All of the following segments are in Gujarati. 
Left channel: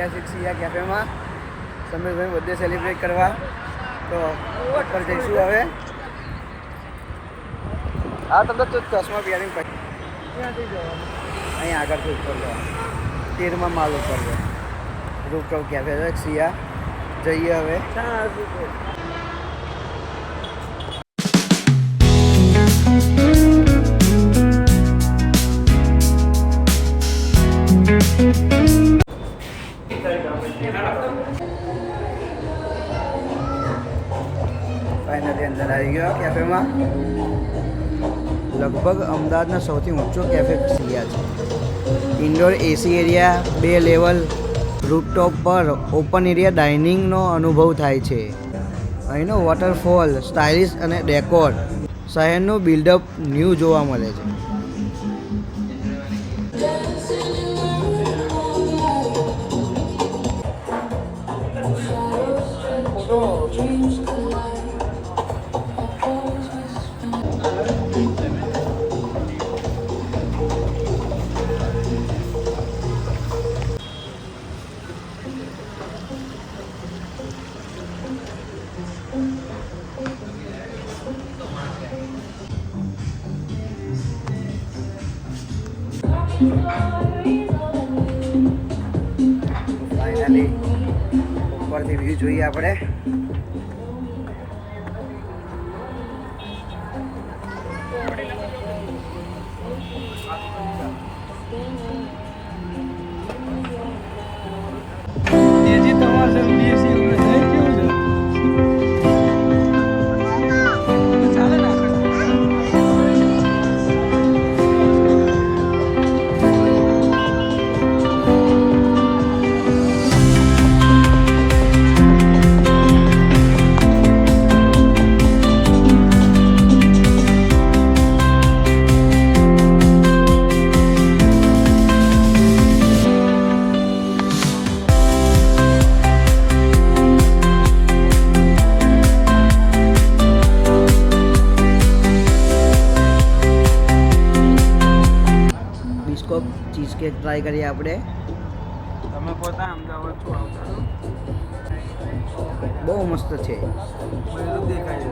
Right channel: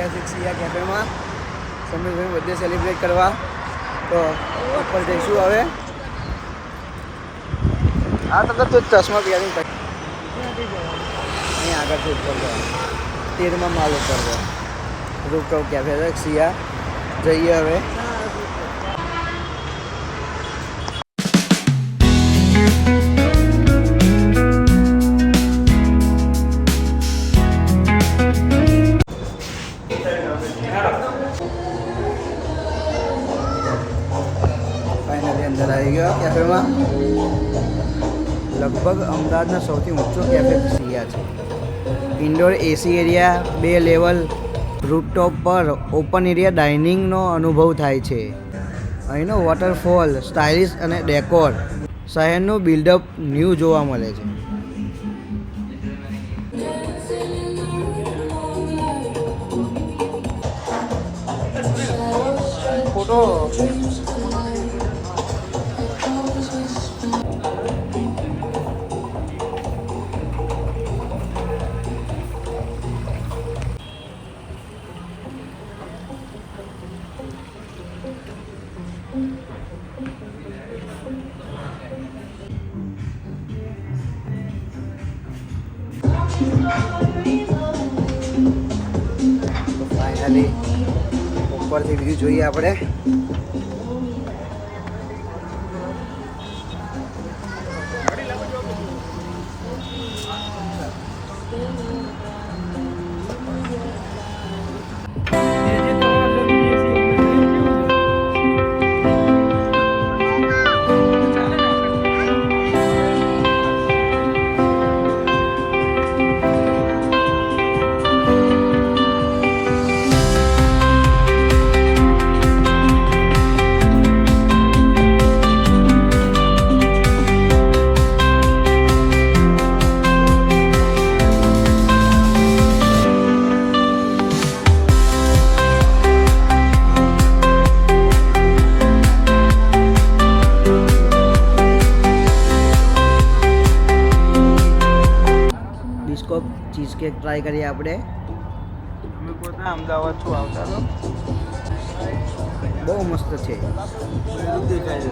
ઐતિહાસિક સિયા કેફેમાં સમીરભાઈ બર્થડે સેલિબ્રેટ કરવા. તો ઉપર જઈશું હવે. હા તમને તો ચશ્મા પહેરીને ક્યાંથી જવાનું? અહીં આગળથી ઉપર જવાનું 13મા માળ ઉપર છે રૂપટોપ કેફે છે સિયા. જઈએ હવે. ફાઇનલી અંદર આવી ગયો કેફેમાં. લગભગ અમદાવાદના સૌથી ઊંચો કેફે સિયા છે. ઇન્ડોર એસી એરિયા, 2 લેવલ, રૂફટોપ પર ઓપન એરિયા ડાઇનિંગનો અનુભવ થાય છે. અહીંનો વોટરફોલ, સ્ટાઇલિશ અને ડેકોર, શહેરનું બિલ્ડઅપ ન્યૂ જોવા મળે છે. ફાઇનલી ઉપરથી વ્યૂ જોઈએ આપણે. બિસ્કોપ ચીઝ કેક ટ્રાય કરીએ આપણે. તમે પોતા અમદાવાદ શું આવતા છો? બહુ મસ્ત છે. બધું દેખાય છે.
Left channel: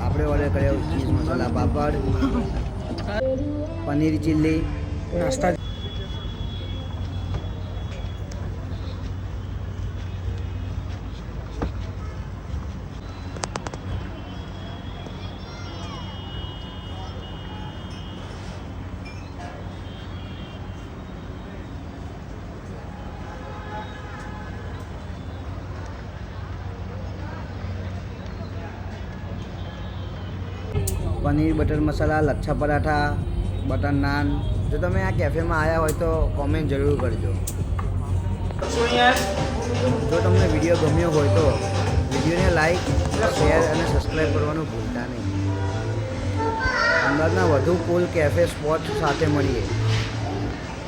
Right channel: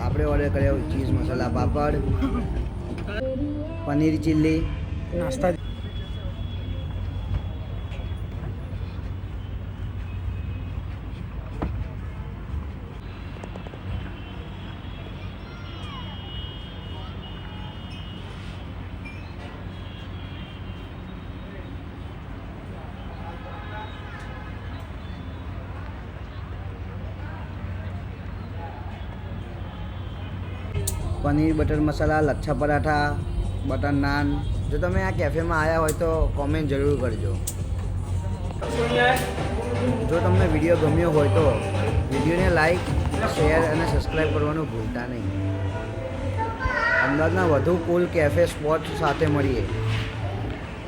આપણે ઓર્ડર કર્યો ચીઝ મસાલા પાપડ, પનીર ચીલ્લી, નાસ્તા. પનીર બટર મસાલા, લચ્છા પરાઠા, બટર નાન. જો તમે આ કેફેમાં આવ્યા હોય તો કોમેન્ટ જરૂર કરજો. જો તમને વિડીયો ગમ્યો હોય તો વિડીયોને લાઈક, શેર અને સબસ્ક્રાઈબ કરવાનું ભૂલતા નહીં. અમદાવાદના વધુ કુલ કેફે સ્પોટ સાથે મળીએ.